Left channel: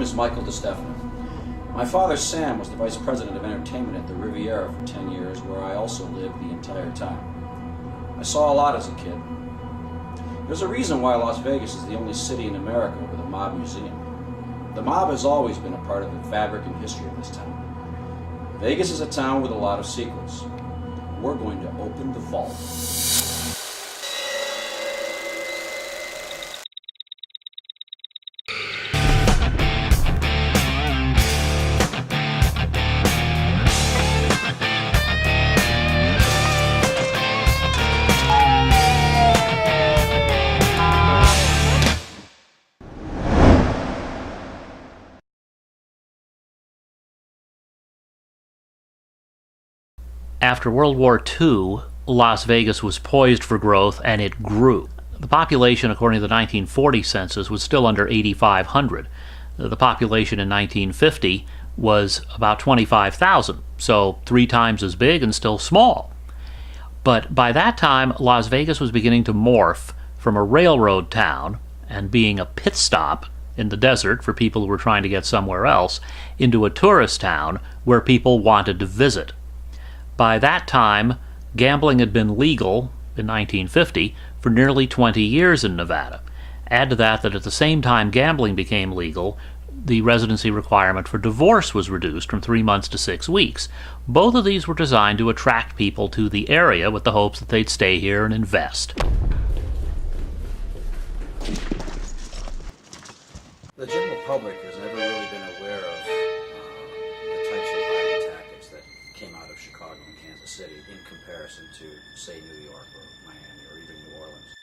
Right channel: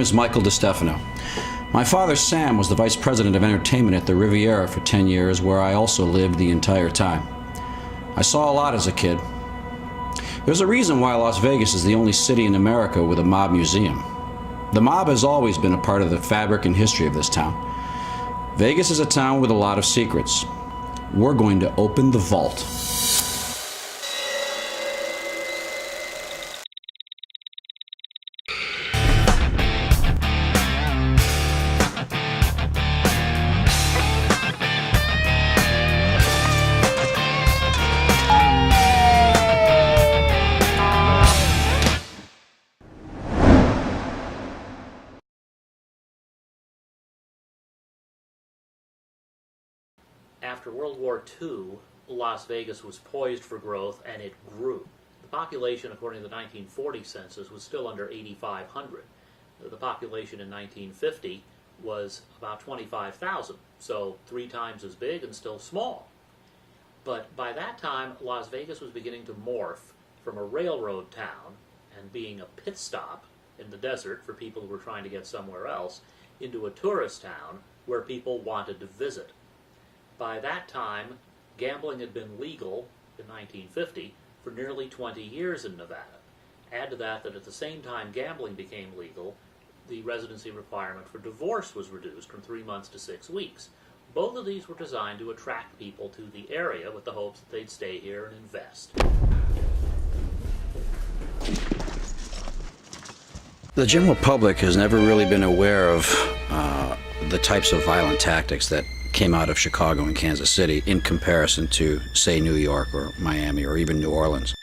name is Michael Distefano. My father, Sam, was the vice president of entertainment at the Riviera for 10 years, where I also lived the entire time. I saw a lot as a kid. There's a reason why Las Vegas is the only city in America with a mob museum. The mob has always been a part of the fabric and history of this town. Vegas is a town with a lot of secrets. We're going to open the vault. After World War II, Las Vegas was poised for growth, and it grew. The population, according to the 1940 census, was still under 8,500. The population in 1950 was about 25,000, so 3 times as big and still small. But by that time, Las Vegas was beginning to morph from a railroad town and being a pit stop in the desert for people who were trying to get somewhere else into a tourist town where people wanted to visit. By that time, gambling had been legal in 1950 for nearly 20 years in Nevada. Add to that at the same time gambling became legal, the residency requirement for divorce was reduced from 3 months to 6 weeks. Both of these were designed to attract people to the area with the hopes that they'd stay here and invest. The general public has never really been aware of the types of violent tactics that came out of Chicago and Kansas City in comparison to, say, New York or Miami or even New Orleans.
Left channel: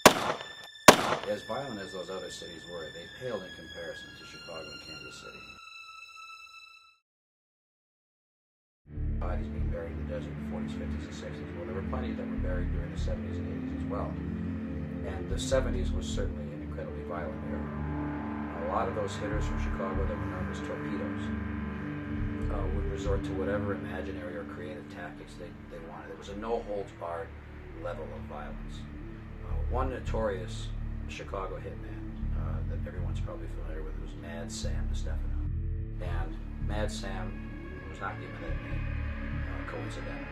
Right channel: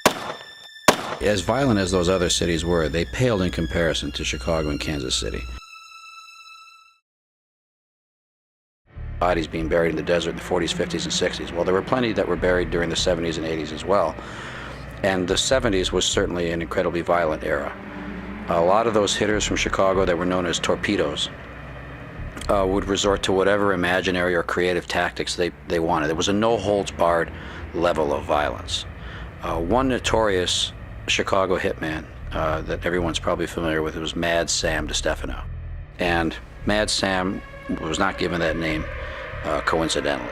As violent as those other cities were, they paled in comparison to Chicago and Kansas City. Bodies being buried in the desert in the 40s, 50s, and 60s. Well, there were plenty that were buried during the 70s and 80s as well. And the 70s was certainly an incredibly violent era. A lot of those hitters from Chicago that were known as torpedoes would resort to whatever imaginary or creative tactics they wanted. There was a no-holds-barred level of violence. One notorious Chicago hitman that everyone's probably familiar with was Mad Sam Distefano. And Mad Sam was not given that name coincidentally.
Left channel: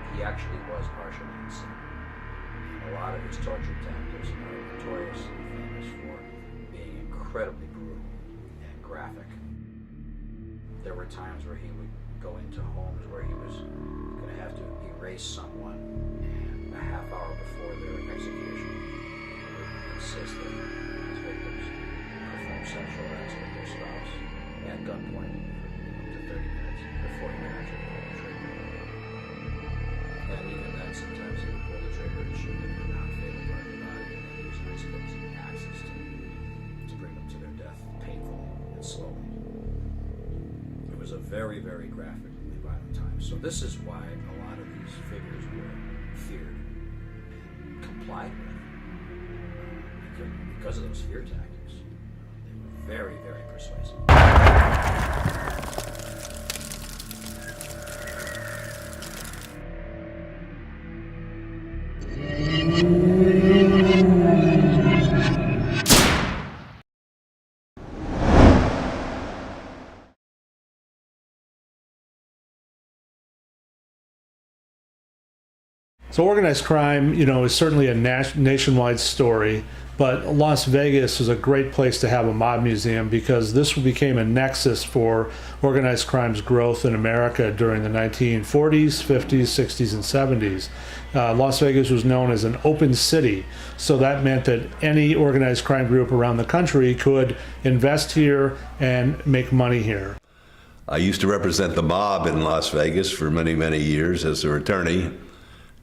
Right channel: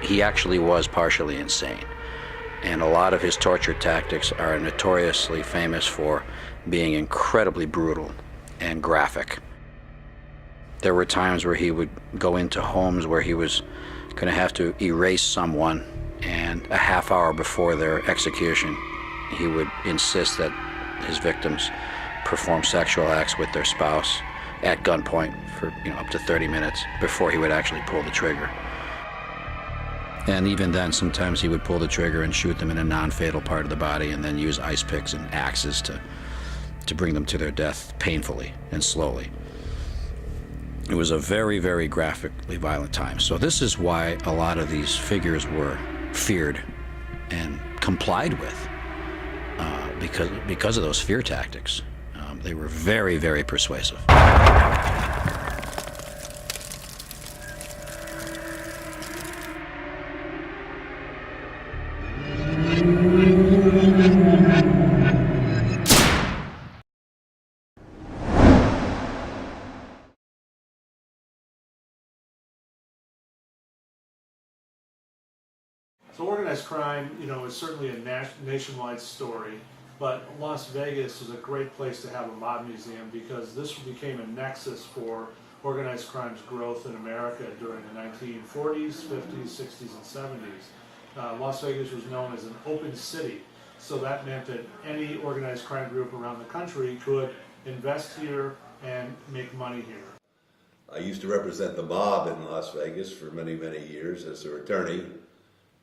He actually was partially insane. And a lot of his torture tactics are notoriously famous for being incredibly brutal and graphic. There were times where he would go into homes where he was going to have to erase someone, and a half hour before their execution, he would insist that his victims perform sexual acts with their spouse at gunpoint for up to 30 minutes before he would actually pull the trigger. And even then, sometimes he would pull the trigger and shoot them in a non-fatal part of the body and then use ice picks and axes to bring them to their death painfully and slowly. It was a very, very graphically violent time. So this is why a lot of these figures were feared and complied with because of those fear tactics. They were very, very persuasive. So organized crime, is certainly a nationwide story, but Las Vegas is a great place to have a mob museum because this became a nexus for organized crime's growth in America during the 1940s, 50s, 60s, and 70s. Las Vegas was known as an open city, so that meant that any organized crime group around the country could invest here and make money here. I used to represent the mob in Las Vegas for many, many years as their attorney.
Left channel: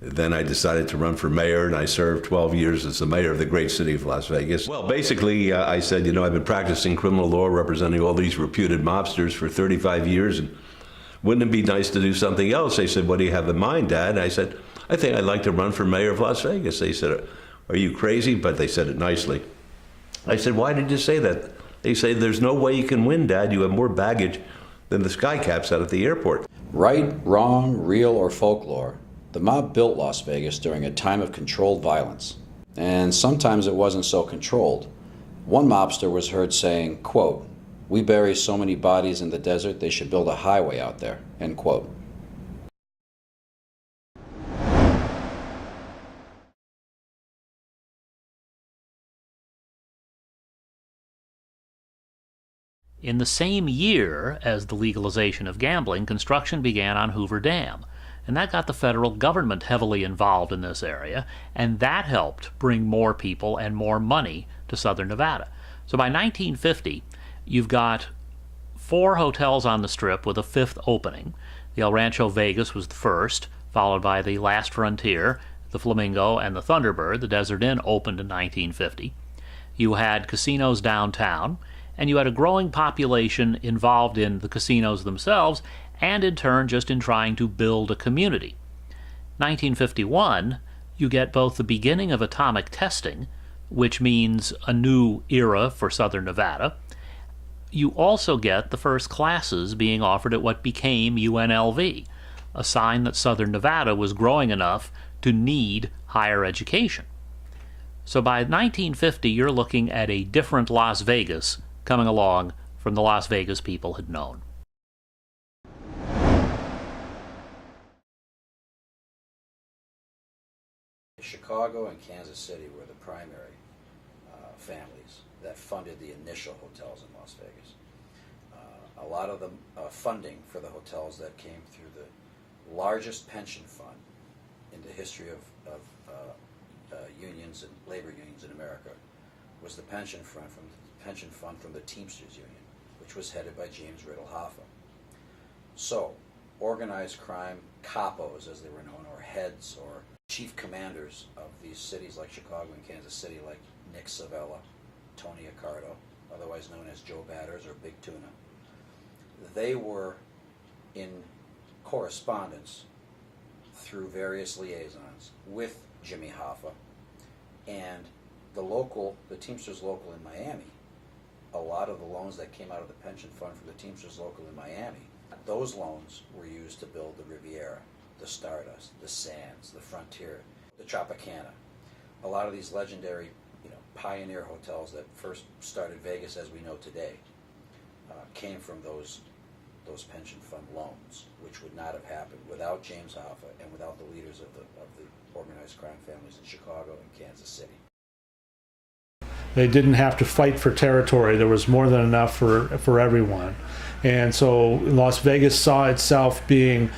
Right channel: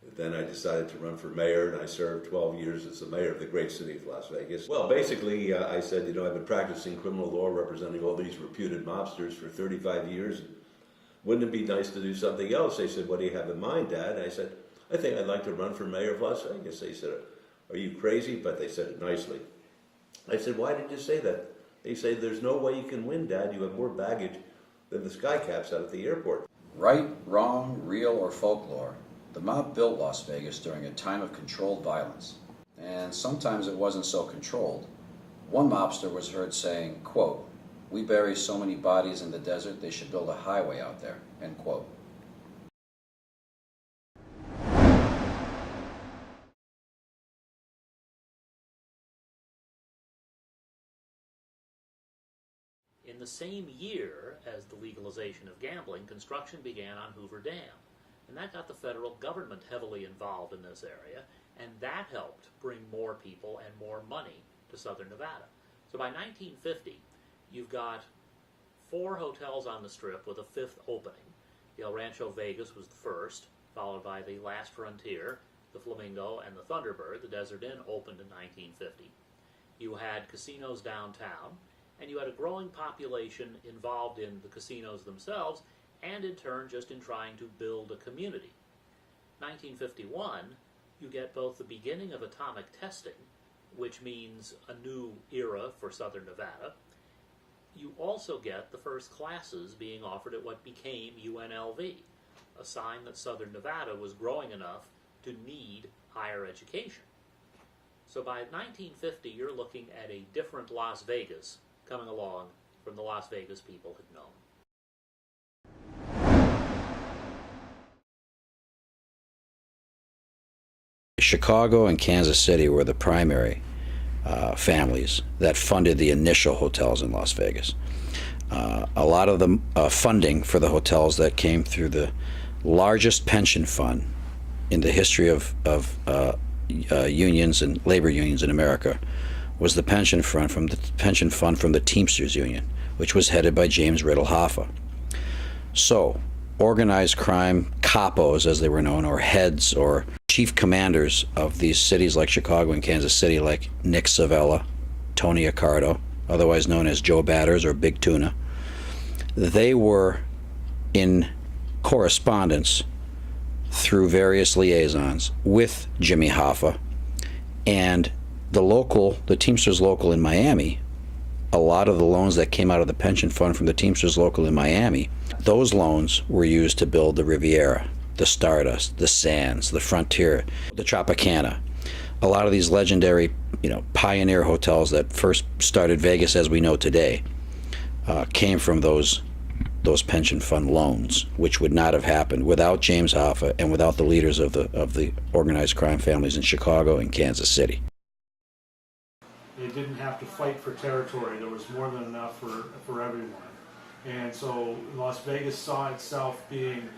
Then I decided to run for mayor, and I served 12 years as the mayor of the great city of Las Vegas. Well, basically, I said, I've been practicing criminal law, representing all these reputed mobsters for 35 years, and wouldn't it be nice to do something else? They said, what do you have in mind, Dad? I said, I think I'd like to run for mayor of Las Vegas. They said, are you crazy? But they said it nicely. I said, why did you say that? They say, there's no way you can win, Dad. You have more baggage than the skycaps out at the airport. Right, wrong, real, or folklore, the mob built Las Vegas during a time of controlled violence. And sometimes it wasn't so controlled. One mobster was heard saying, quote, "We bury so many bodies in the desert, they should build a highway out there," end quote. In the same year as the legalization of gambling, construction began on Hoover Dam, and that got the federal government heavily involved in this area, and that helped bring more people and more money to southern Nevada. So by 1950, you've got 4 hotels on the Strip with a 5th opening. The El Rancho Vegas was the first, followed by the Last Frontier, the Flamingo, and the Thunderbird. The Desert Inn opened in 1950. You had casinos downtown, and you had a growing population involved in the casinos themselves, and in turn just in trying to build a community. 1951, you get both the beginning of atomic testing, which means a new era for southern Nevada. You also get the first classes being offered at what became UNLV, a sign that southern Nevada was growing enough to need higher education. So by 1950, you're looking at a different Las Vegas coming along from the Las Vegas people had known. Chicago and Kansas City were the primary families that funded the initial hotels in Las Vegas. A lot of the funding for the hotels that came through the largest pension fund in the history of unions and labor unions in America was the pension fund from the Teamsters Union, which was headed by James Riddle Hoffa. So, organized crime capos, as they were known, or heads or chief commanders of these cities like Chicago and Kansas City, like Nick Savella, Tony Accardo, otherwise known as Joe Batters or Big Tuna, they were in correspondence through various liaisons with Jimmy Hoffa and the Teamsters local in Miami. A lot of the loans that came out of the pension fund from the Teamsters local in Miami, those loans were used to build the Riviera, the Stardust, the Sands, the Frontier, the Tropicana. A lot of these legendary, pioneer hotels that first started Vegas as we know today came from those pension fund loans, which would not have happened without James Hoffa and without the leaders of the organized crime families in Chicago and Kansas City. They didn't have to fight for territory. There was more than enough for everyone. And so Las Vegas saw itself being,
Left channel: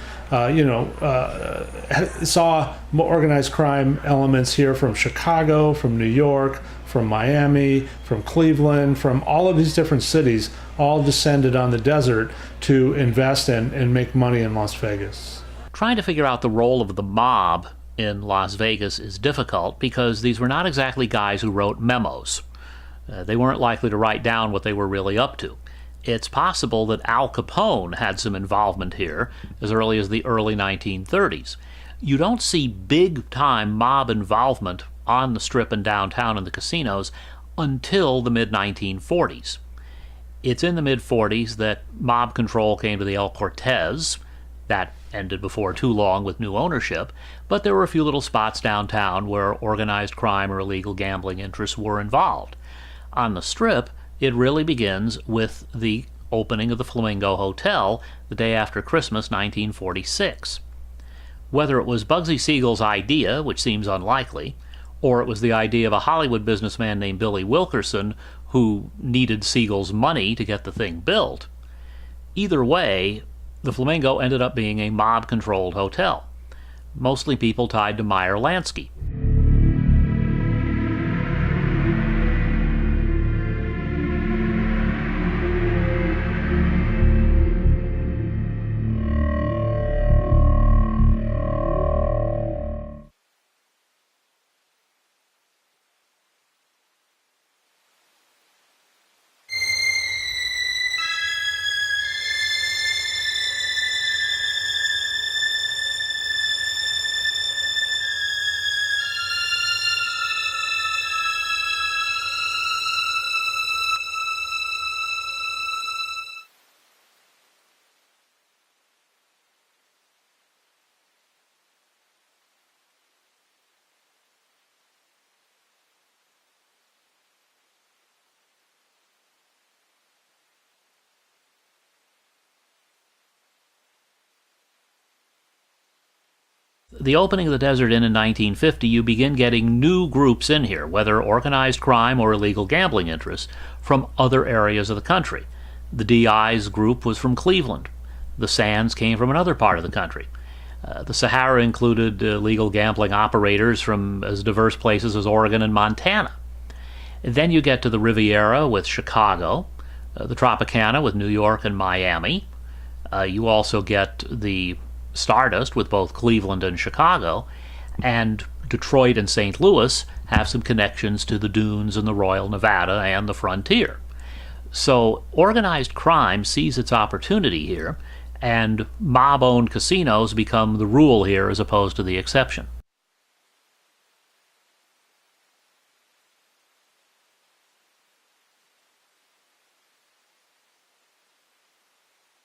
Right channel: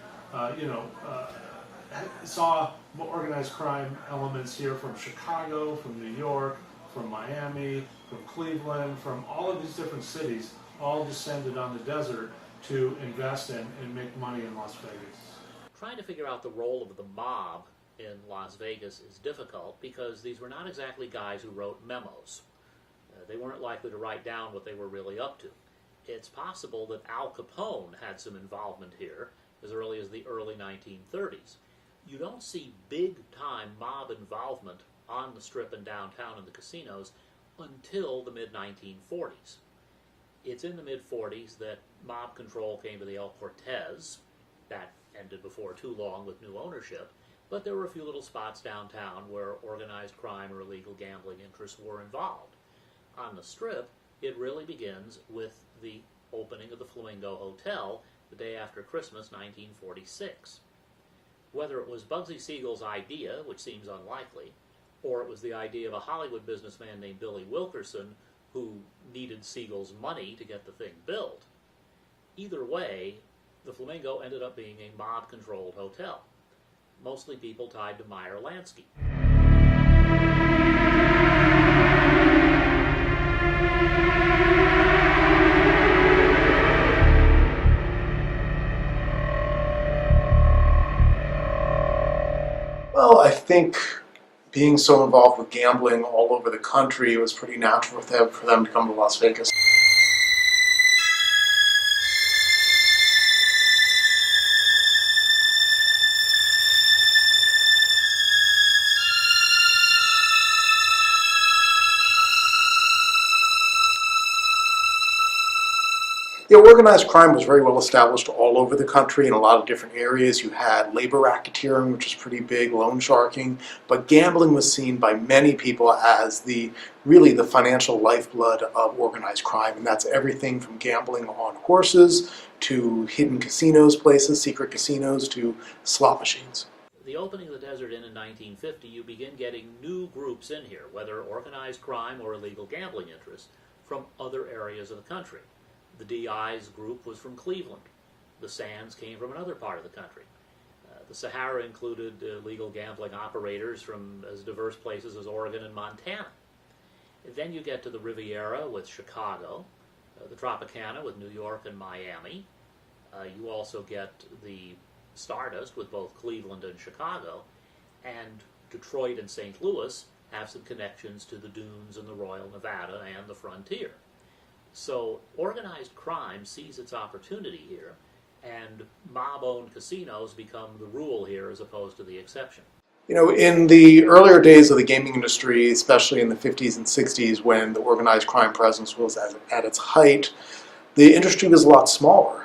saw more organized crime elements here from Chicago, from New York, from Miami, from Cleveland, from all of these different cities, all descended on the desert to invest and make money in Las Vegas. Trying to figure out the role of the mob in Las Vegas is difficult because these were not exactly guys who wrote memos. They weren't likely to write down what they were really up to. It's possible that Al Capone had some involvement here as early as the early 1930s. You don't see big-time mob involvement on the Strip and downtown in the casinos until the mid-1940s. It's in the mid-40s that mob control came to the El Cortez. That ended before too long with new ownership, but there were a few little spots downtown where organized crime or illegal gambling interests were involved. On the Strip, it really begins with the opening of the Flamingo Hotel the day after Christmas, 1946. Whether it was Bugsy Siegel's idea, which seems unlikely, or it was the idea of a Hollywood businessman named Billy Wilkerson who needed Siegel's money to get the thing built, either way, the Flamingo ended up being a mob-controlled hotel, mostly people tied to Meyer Lansky. Well, I think being so involved with gambling all over the country, it was pretty natural for them to come to Las Vegas. Yeah, organized crime was very well established all over the country in a lot of different areas. You had labor racketeering, which was pretty big, loan sharking, but gambling was seen by many people as really the financial lifeblood of organized crime, and that's everything from gambling on horses to hidden casinos places, secret casinos, to slot machines. The opening of the Desert Inn in 1950, you begin getting new groups in here, whether organized crime or illegal gambling interests, from other areas of the country. The DI's group was from Cleveland. The Sands came from another part of the country. The Sahara included illegal gambling operators from as diverse places as Oregon and Montana. Then you get to the Riviera with Chicago, the Tropicana with New York and Miami. You also get the Stardust with both Cleveland and Chicago, and Detroit and St. Louis have some connections to the Dunes and the Royal Nevada and the frontier. So organized crime sees its opportunity here, and mob-owned casinos become the rule here as opposed to the exception. You know, in the earlier days of the gaming industry, especially in the 50s and 60s when the organized crime presence was at its height, the industry was a lot smaller.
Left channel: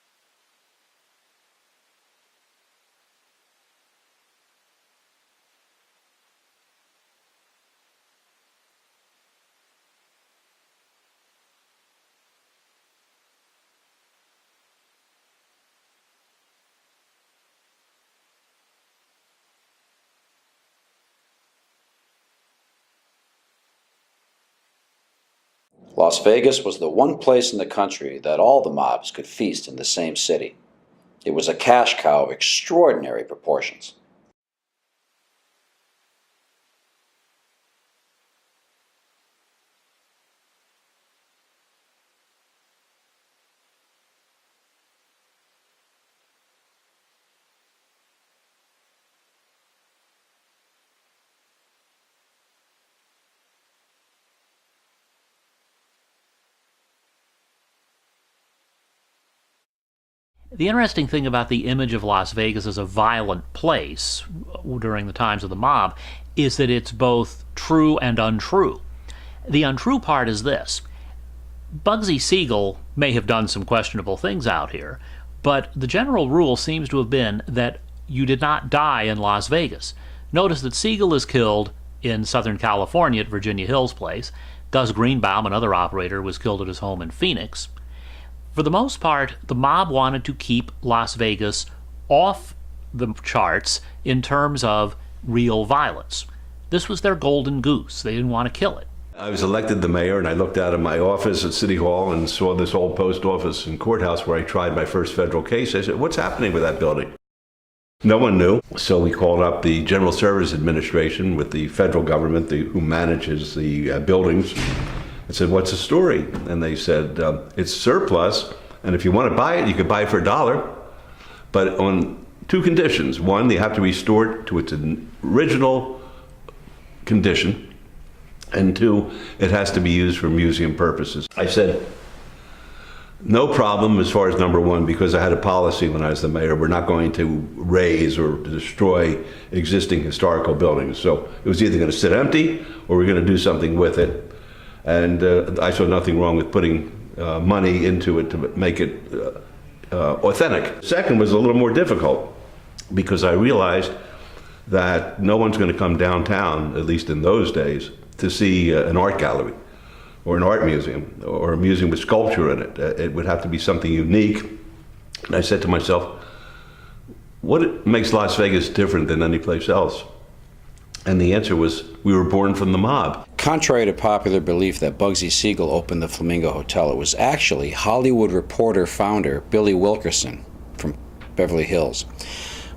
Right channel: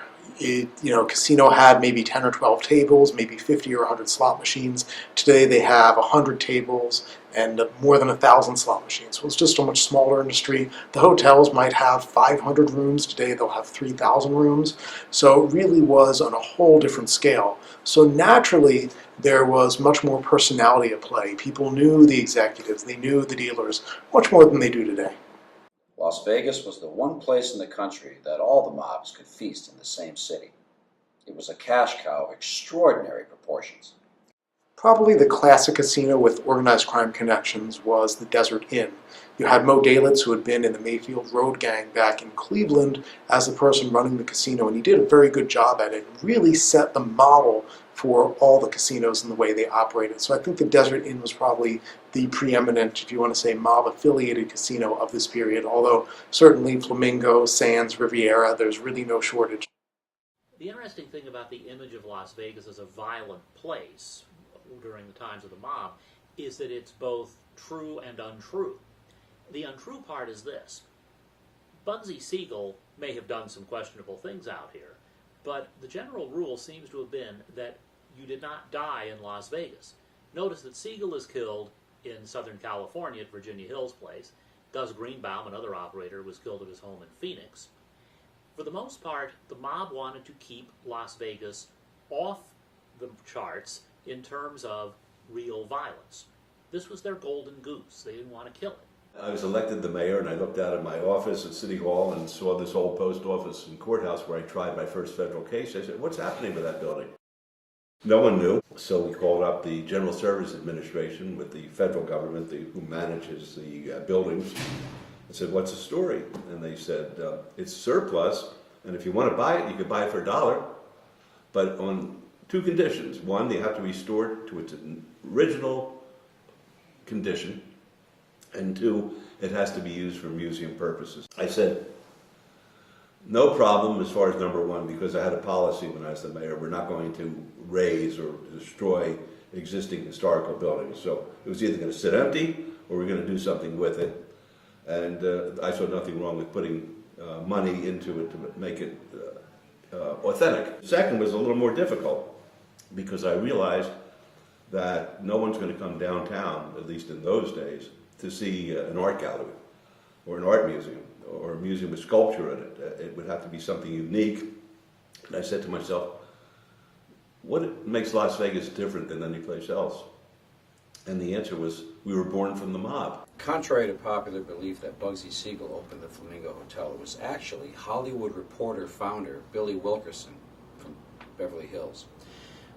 Casino had maybe 10 or 12 tables, maybe 50 or 100 slot machines. Today they have 100 tables and more than 1,000 slot machines. So it's just a much smaller industry. The hotels might have 500 rooms. Today they'll have 3,000 rooms. So it really was on a whole different scale. So naturally, there was much more personality at play. People knew the executives, they knew the dealers, much more than they do today. Las Vegas was the one place in the country that all the mobs could feast in the same city. It was a cash cow of extraordinary proportions. Probably the classic casino with organized crime connections was the Desert Inn. You had Mo Dalitz, who had been in the Mayfield Road Gang back in Cleveland as the person running the casino, and he did a very good job at it, really set the model for all the casinos and the way they operated. So I think the Desert Inn was probably the preeminent, if you want to say, mob-affiliated casino of this period, although certainly Flamingo, Sands, Riviera, there's really no shortage. The interesting thing about the image of Las Vegas as a violent place during the times of the mob is that it's both true and untrue. The untrue part is this. Bugsy Siegel may have done some questionable things out here, but the general rule seems to have been that you did not die in Las Vegas. Notice that Siegel is killed in Southern California at Virginia Hill's place. Gus Greenbaum, another operator, was killed at his home in Phoenix. For the most part, the mob wanted to keep Las Vegas off the charts in terms of real violence. This was their golden goose. They didn't want to kill it. I was elected the mayor, and I looked out of my office at City Hall and saw this old post office and courthouse where I tried my first federal case. I said, what's happening with that building? No one knew, so we called up the General Services Administration with the federal government, who manages the buildings. I said, what's the story? And they said, it's surplus, and if you want to buy it, you could buy it for $1, but on two conditions. One, you have to restore it to its original condition, and two, it has to be used for museum purposes. I said, no problem as far as number one, because I had a policy when I was the mayor. We're not going to raise or destroy existing historical buildings. So it was either going to sit empty or we're going to do something with it. And I saw nothing wrong with putting money into it to make it authentic. Second was a little more difficult because I realized that no one's going to come downtown, at least in those days, to see an art gallery or an art museum or a museum with sculpture in it. It would have to be something unique. And I said to myself, what makes Las Vegas different than any place else? And the answer was, we were born from the mob. Contrary to popular belief that Bugsy Siegel opened the Flamingo Hotel, it was actually Hollywood Reporter founder Billy Wilkerson from Beverly Hills.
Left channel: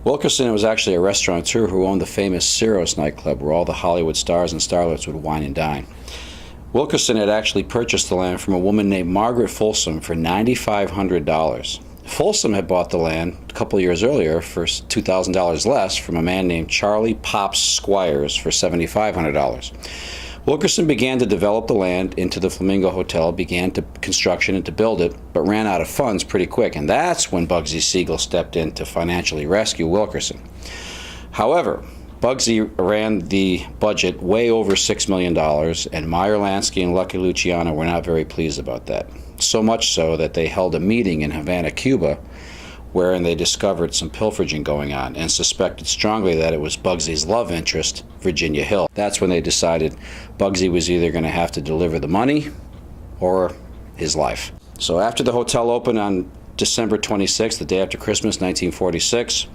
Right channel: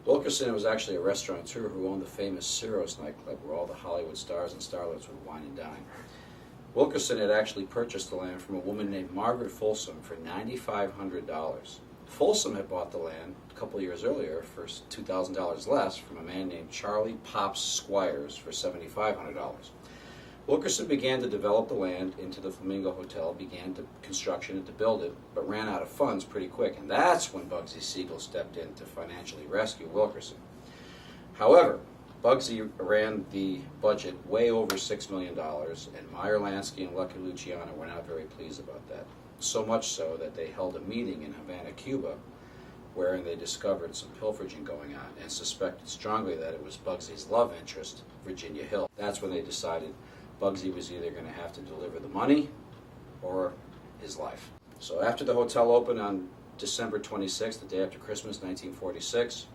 Wilkerson was actually a restaurateur who owned the famous Ciro's nightclub where all the Hollywood stars and starlets would wine and dine. Wilkerson had actually purchased the land from a woman named Margaret Folsom for $9,500. Folsom had bought the land a couple of years earlier for $2,000 less from a man named Charlie Pops Squires for $7,500. Wilkerson began to develop the land into the Flamingo Hotel, began to construction and to build it, but ran out of funds pretty quick, and that's when Bugsy Siegel stepped in to financially rescue Wilkerson. However, Bugsy ran the budget way over $6 million, and Meyer Lansky and Lucky Luciano were not very pleased about that. So much so that they held a meeting in Havana, Cuba, wherein they discovered some pilfering going on and suspected strongly that it was Bugsy's love interest, Virginia Hill. That's when they decided Bugsy was either going to have to deliver the money or his life. So after the hotel opened on December 26th, the day after Christmas, 1946,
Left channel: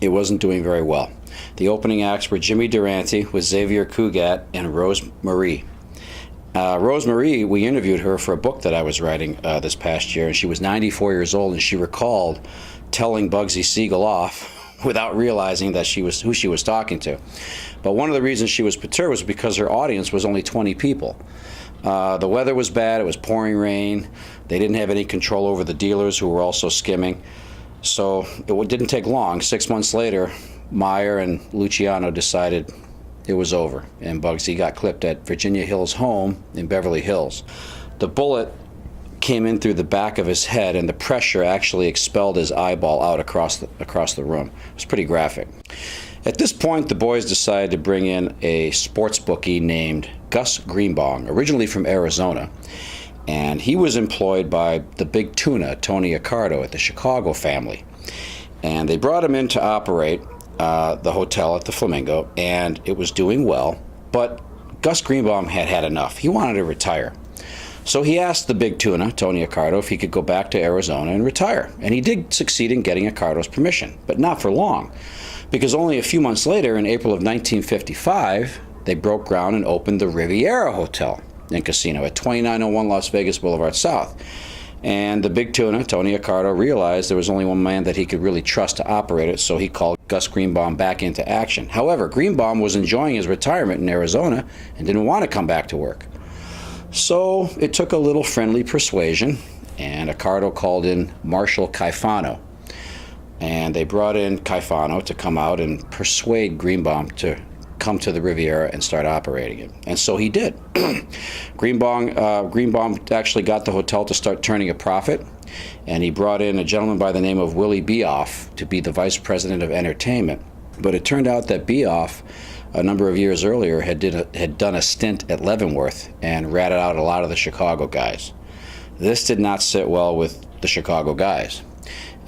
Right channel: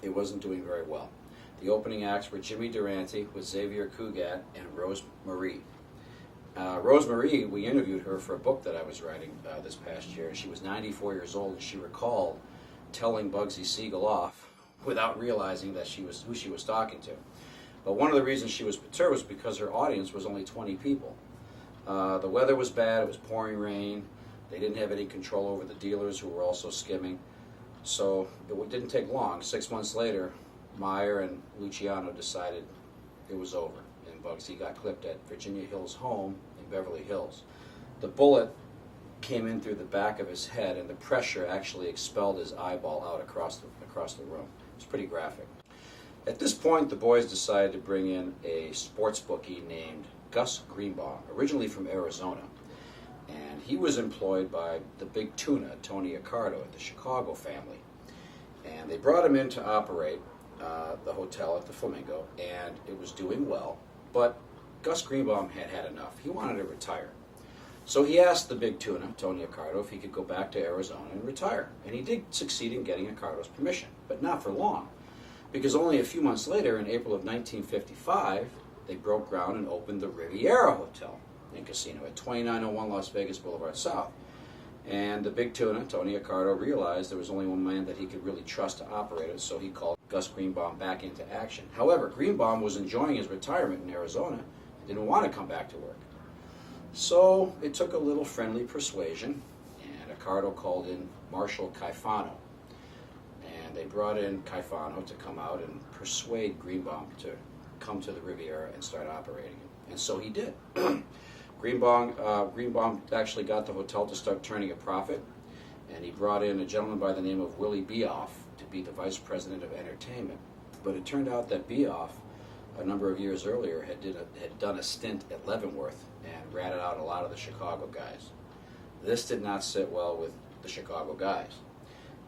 it wasn't doing very well. The opening acts were Jimmy Durante with Xavier Cugat and Rose Marie. Rose Marie, we interviewed her for a book that I was writing this past year, and she was 94 years old, and she recalled telling Bugsy Siegel off without realizing that who she was talking to. But one of the reasons she was perturbed was because her audience was only 20 people. The weather was bad, it was pouring rain, they didn't have any control over the dealers who were also skimming. So it didn't take long. 6 months later, Meyer and Luciano decided it was over, and Bugsy got clipped at Virginia Hill's home in Beverly Hills. The bullet came in through the back of his head, and the pressure actually expelled his eyeball out across the room. It was pretty graphic. At this point, the boys decided to bring in a sports bookie named Gus Greenbaum, originally from Arizona, and he was employed by the big tuna, Tony Accardo, at the Chicago family. And they brought him in to operate the hotel at the Flamingo, and it was doing well, but Gus Greenbaum had had enough. He wanted to retire. So he asked the big tuna, Tony Accardo, if he could go back to Arizona and retire. And he did succeed in getting Accardo's permission, but not for long, because only a few months later, in April of 1955, they broke ground and opened the Riviera Hotel and Casino at 2901 Las Vegas Boulevard South. And the big tuna, Tony Accardo, realized there was only one man that he could really trust to operate it, so he called Gus Greenbaum back into action. However, Greenbaum was enjoying his retirement in Arizona and didn't want to come back to work. So it took a little friendly persuasion, and Accardo called in Marshal Caifano. And they brought in Caifano to come out and persuade Greenbaum to come to the Riviera and start operating it. And so he did. Greenbaum actually got the hotel to start turning a profit, and he brought in a gentleman by the name of Willie Beoff to be the vice president of entertainment. But it turned out that Beoff, a number of years earlier, had done a stint at Leavenworth and ratted out a lot of the Chicago guys. This did not sit well with the Chicago guys.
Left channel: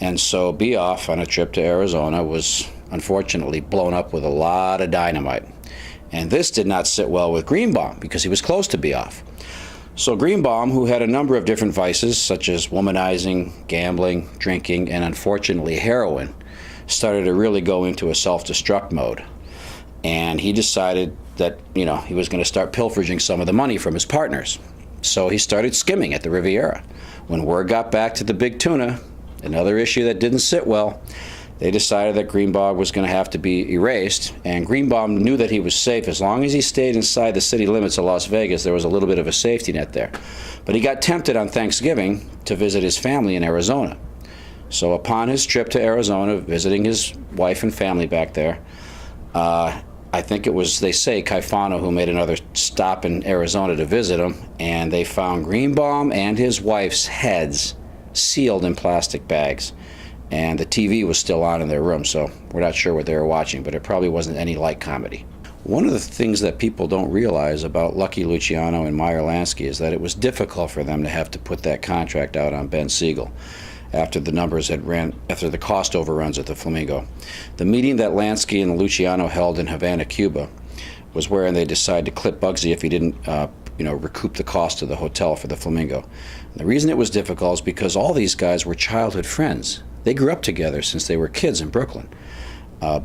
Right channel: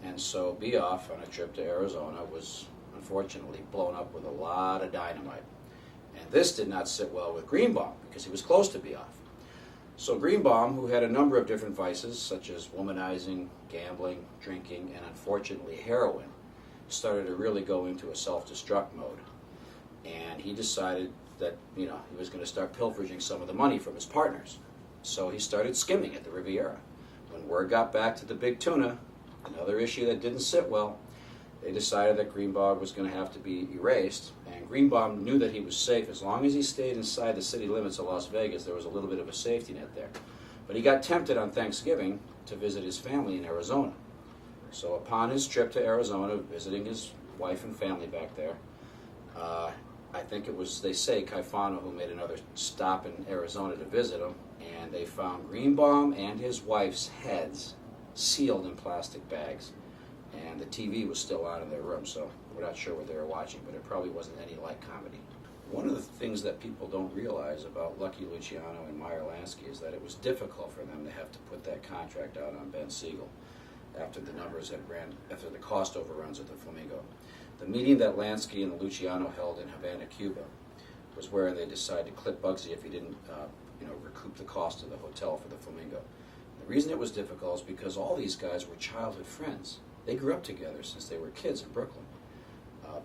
And so Beoff, on a trip to Arizona, was unfortunately blown up with a lot of dynamite. And this did not sit well with Greenbaum because he was close to Beoff. So Greenbaum, who had a number of different vices, such as womanizing, gambling, drinking, and unfortunately heroin, started to really go into a self-destruct mode. And he decided that, he was going to start pilfering some of the money from his partners. So he started skimming at the Riviera. When word got back to the big tuna, another issue that didn't sit well, they decided that Greenbaum was going to have to be erased, and Greenbaum knew that he was safe. As long as he stayed inside the city limits of Las Vegas, there was a little bit of a safety net there. But he got tempted on Thanksgiving to visit his family in Arizona. So upon his trip to Arizona, visiting his wife and family back there, I think it was, they say, Caifano who made another stop in Arizona to visit him, and they found Greenbaum and his wife's heads sealed in plastic bags. And the TV was still on in their room, so we're not sure what they were watching, but it probably wasn't any light comedy. One of the things that people don't realize about Lucky Luciano and Meyer Lansky is that it was difficult for them to have to put that contract out on Ben Siegel after the cost overruns at the Flamingo. The meeting that Lansky and Luciano held in Havana, Cuba, was wherein they decided to clip Bugsy if he didn't recoup the cost of the hotel for the Flamingo. And the reason it was difficult is because all these guys were childhood friends. They grew up together since they were kids in Brooklyn.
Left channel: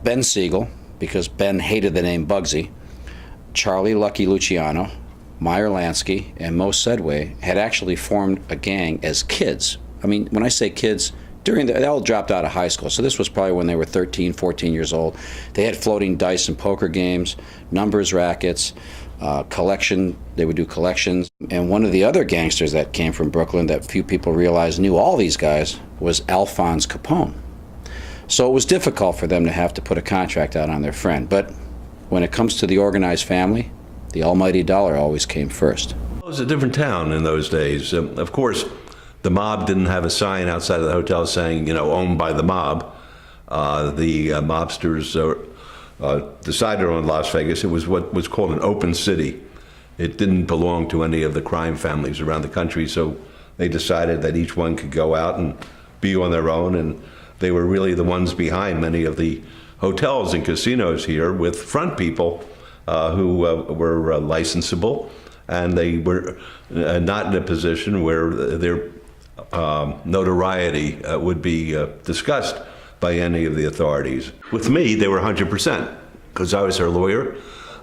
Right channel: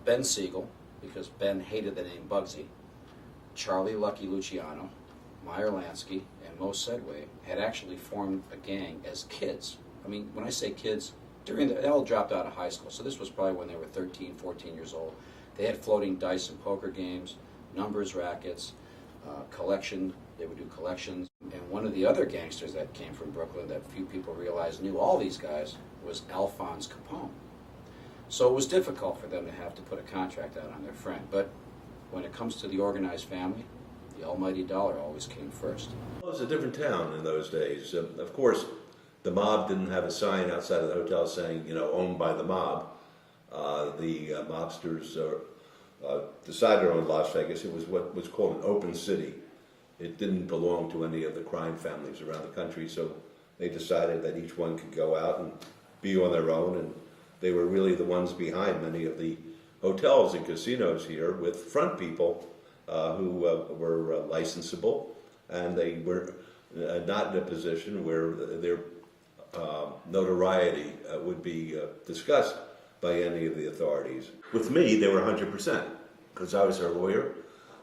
Ben Siegel, because Ben hated the name Bugsy, Charlie Lucky Luciano, Meyer Lansky, and Mo Sedway had actually formed a gang as kids. I mean, when I say kids, they all dropped out of high school, so this was probably when they were 13, 14 years old. They had floating dice and poker games, numbers rackets, they would do collections. And one of the other gangsters that came from Brooklyn that few people realized knew all these guys was Alphonse Capone. So it was difficult for them to have to put a contract out on their friend. But when it comes to the organized family, the almighty dollar always came first. It was a different town in those days. Of course, the mob didn't have a sign outside of the hotel saying, owned by the mob. The mobsters decided on Las Vegas. It was what was called an open city. It didn't belong to any of the crime families around the country, so they decided that each one could go out and be on their own, and they were really the ones behind many of the hotels and casinos here, with front people who were licensable, and they were not in a position where their notoriety would be discussed by any of the authorities. With me, they were 100%, because I was their lawyer.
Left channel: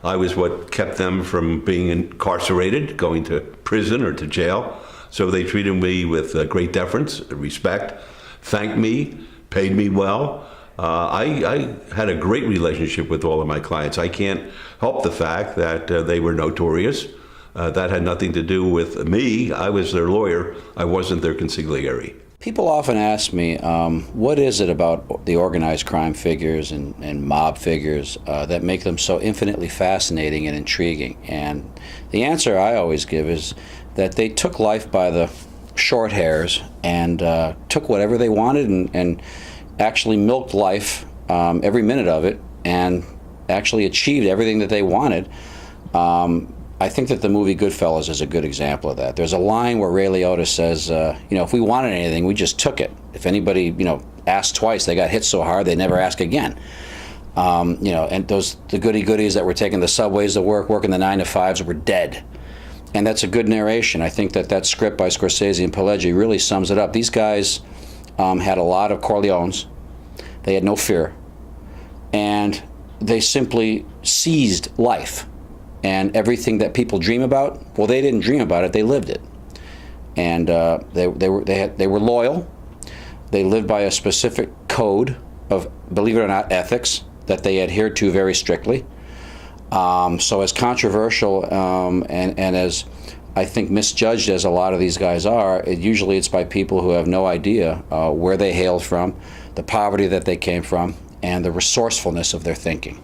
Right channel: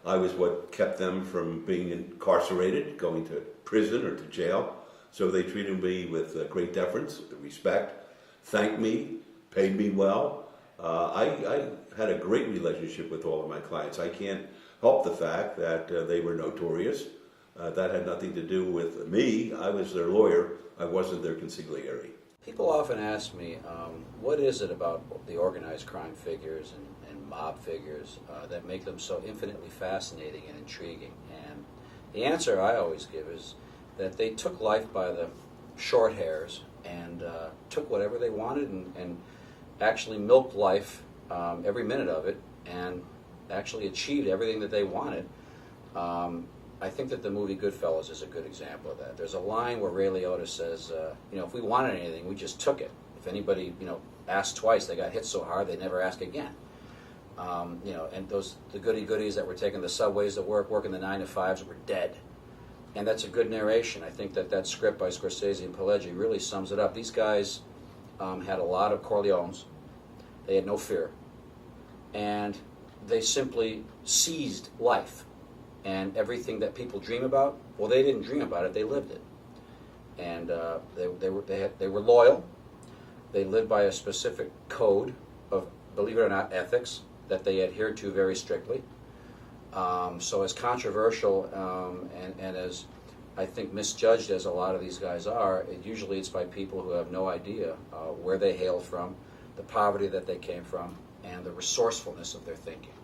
I was what kept them from being incarcerated, going to prison or to jail. So they treated me with great deference, respect, thanked me, paid me well. I had a great relationship with all of my clients. I can't help the fact that they were notorious. That had nothing to do with me. I was their lawyer. I wasn't their consigliere. People often ask me, what is it about the organized crime figures and mob figures that make them so infinitely fascinating and intriguing? And the answer I always give is that they took life by the short hairs and took whatever they wanted and actually milked life every minute of it and actually achieved everything that they wanted. I think that the movie Goodfellas is a good example of that. There's a line where Ray Liotta says, if we wanted anything, we just took it. If anybody, asked twice, they got hit so hard they never ask again. And the goodies that were taking the subways to work, working the 9-to-5s were dead. And that's a good narration. I think that script by Scorsese and Pileggi really sums it up. These guys had a lot of Corleones. They had no fear. And they simply seized life. And everything that people dream about, well, they didn't dream about it, they lived it. And they were loyal. They lived by a specific code of, believe it or not, ethics that they adhered to very strictly. So as controversial and as I think misjudged as a lot of these guys are, usually it's by people who have no idea where they hailed from, the poverty that they came from, and the resourcefulness of their thinking.